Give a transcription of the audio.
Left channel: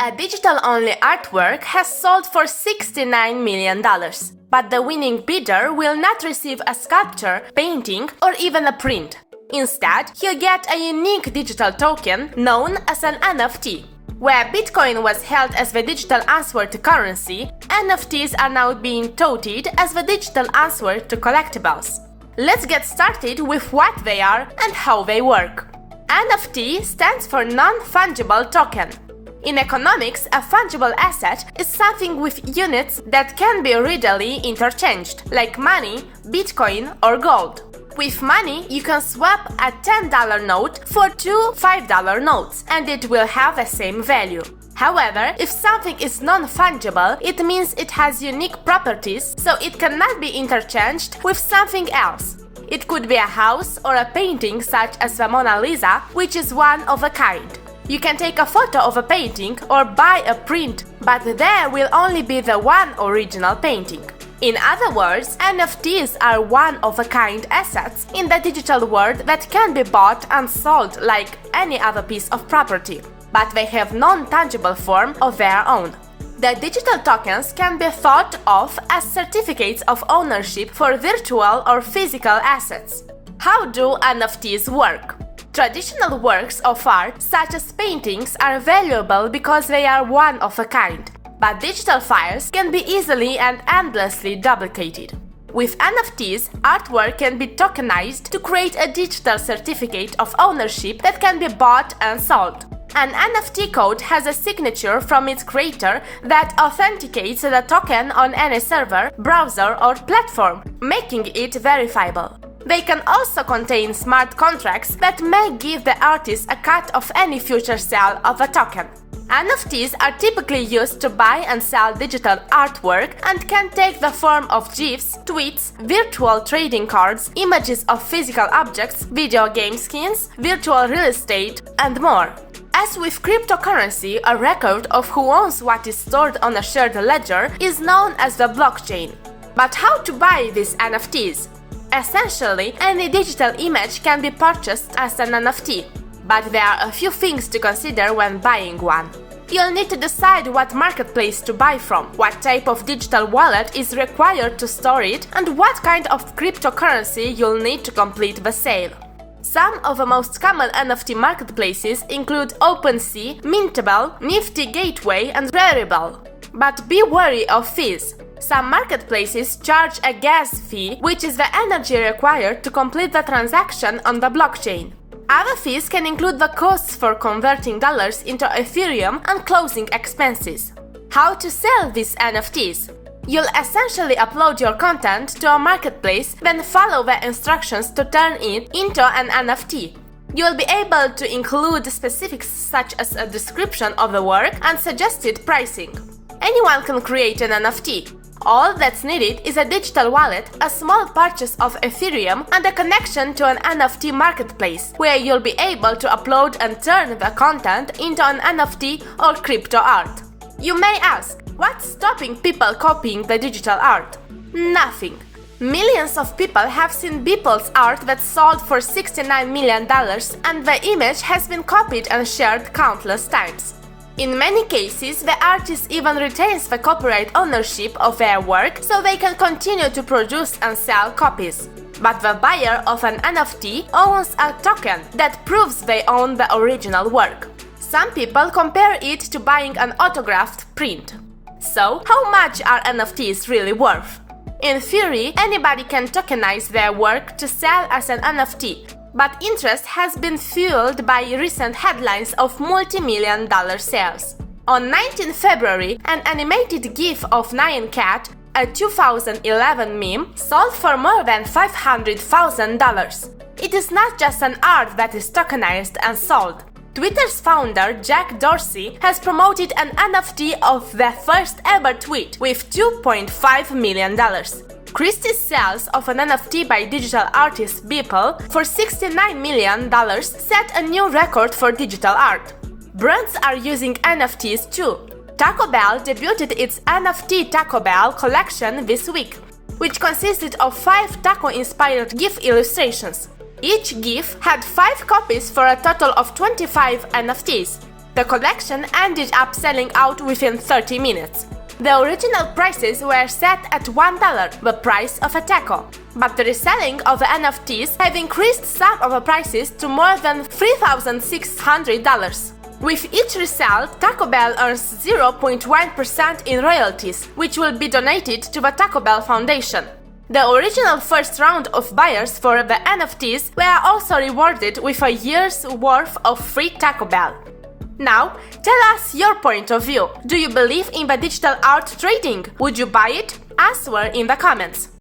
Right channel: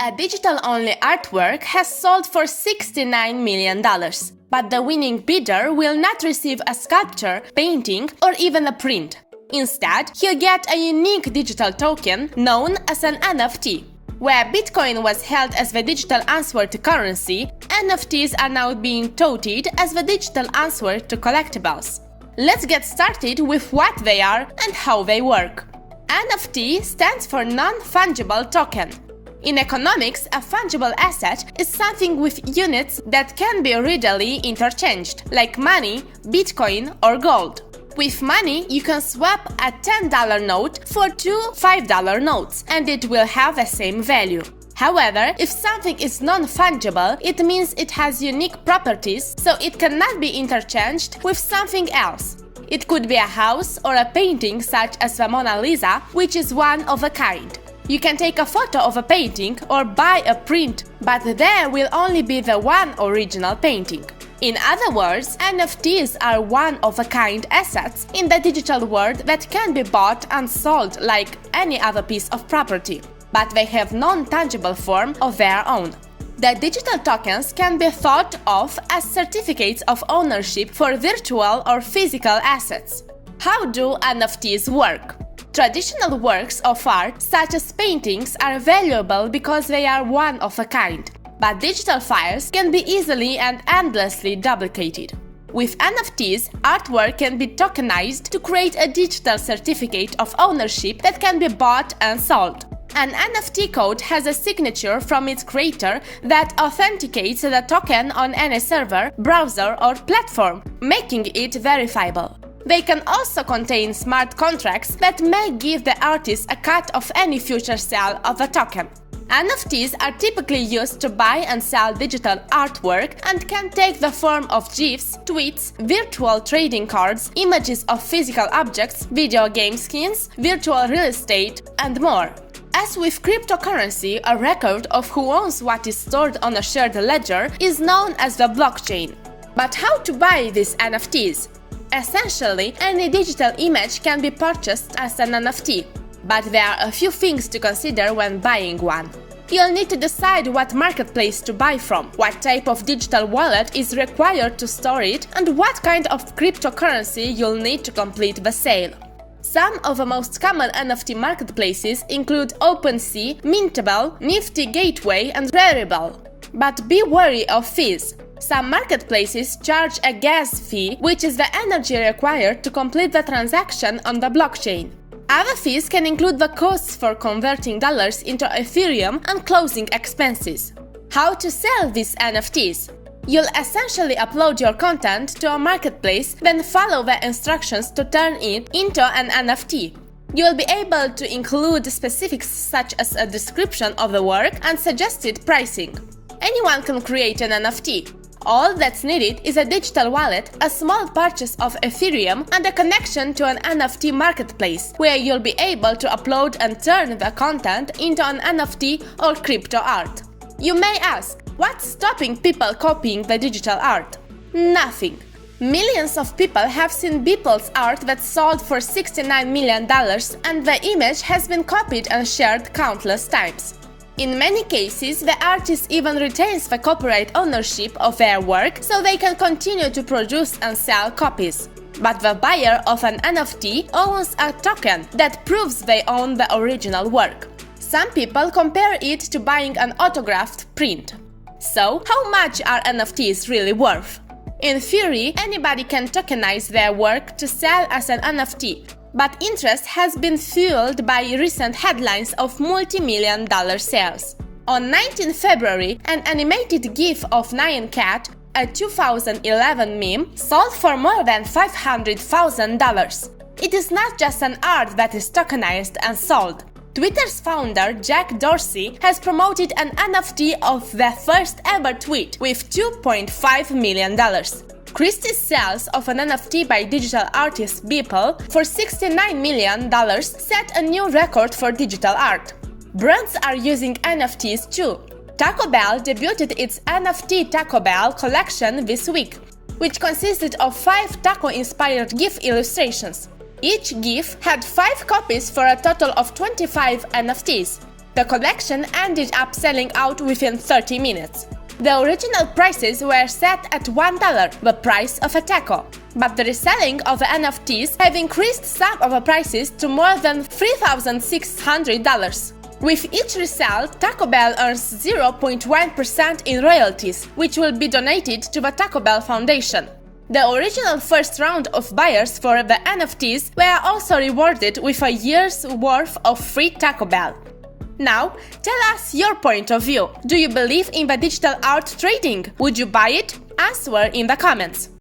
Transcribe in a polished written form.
A digital-only artwork has sold for $69 million, but the winning bidder will not receive a sculpture, painting, or even a print. Instead, he'll get a unique digital token known as an NFT. Where Bitcoin was held as the digital answer to currency, NFTs are now being touted as the digital answer to collectibles. Let's get started with what they are and how they work. NFT stands for non-fungible token. In economics, a fungible asset is something with units that can be readily interchanged, like money, Bitcoin, or gold. With money, you can swap a $10 note for two $5 notes, and it will have the same value. However, if something is non-fungible, it means it has unique properties, so it cannot be interchanged with something else. It could be a house or a painting such as the Mona Lisa, which is one of a kind. You can take a photo of a painting or buy a print, but there will only be the one original painting. In other words, NFTs are one-of-a-kind assets in the digital world that can be bought and sold like any other piece of property, but they have non-tangible form of their own. The digital tokens can be thought of as certificates of ownership for virtual or physical assets. How do NFTs work? Traditional works of art, such as paintings, are valuable because they are one of a kind, but digital files can be easily and endlessly duplicated. With NFTs, artwork can be tokenized to create a digital certificate of ownership that can be bought and sold. An NFT code has a signature from its creator that authenticates the token on any server, browser, or platform, making it verifiable. They can also contain smart contracts that may give the artist a cut of any future sale of a token. NFTs are typically used to buy and sell digital artwork and can take the form of GIFs, tweets, virtual trading cards, images of physical objects, video game skins, virtual real estate, and more. As with cryptocurrency, a record of who owns what is stored on a shared ledger is known as the blockchain. But how to buy these NFTs? Essentially, any digital image can be purchased as an NFT, but there are a few things to consider when buying one. You'll need to decide what marketplace to buy from, what type of digital wallet is required to store it, and what kind of cryptocurrency you'll need to complete the sale. Some of the most common NFT marketplaces include OpenSea, Mintable, Nifty Gateway, and Rarible. But be wary of fees. Some marketplaces charge a gas fee, which is the energy required to complete the transaction on the blockchain. Other fees can include the costs for converting dollars into Ethereum and closing expenses. How to sell these NFTs? You'll essentially upload your content to a marketplace, then follow the instructions to turn it into an NFT. You'll be able to include specifics such as a description of the work and suggested pricing. Anyone can create an NFT. All that's needed is a digital wallet, a small purchase of Ethereum, and a connection to an NFT marketplace, where you'll be able to upload and turn the content into an NFT or crypto art. You may ask, what's stopping people copying the digital art? Nothing. Millions of people have seen Beeple's art that sold for $69 million, and the image has been copied and shared countless times. In many cases, the artist even retains the copyright ownership of their work, so they can continue to produce and sell copies. But the buyer of an NFT owns a token that proves they own the original work. Some people compare it to buying an autographed print. So, how much are NFTs really worth? In theory, anybody can tokenize their work to sell as an NFT. But interest has been fueled by recent headlines of multi-million-dollar sales. On 19 February, an animated GIF of Nyan Cat, a 2011 meme, sold for more than $500,000. It is not just an art that is tokenized and sold. Twitter's founder, Jack Dorsey, has promoted an NFT of the first ever tweet with $2.5 million. Christie's sales of an NFT by digital artist Beeple for $69 million set a new record for digital art. Brands are using NFTs too. Taco Bell debuted its NFT Taco Bell collection this week, which consisted of 5 taco-inspired GIF illustrations. Each GIF had 5 copies for a total of 25 NFTs. The collection ended up selling out within 30 minutes. The original prices were set at $1, the price of a taco. But the reselling of the NFTs have increased some of the prices to more than $3,600. With each resale, Taco Bell earns 0.1% in royalties, which will be donated to the Taco Bell Foundation. The original first round of buyers for the NFTs were also rewarded with a year's worth of free Taco Bell. Now, tell us your point of view. Do you believe in the digital art trading? Would you buy it? Answer in the comments.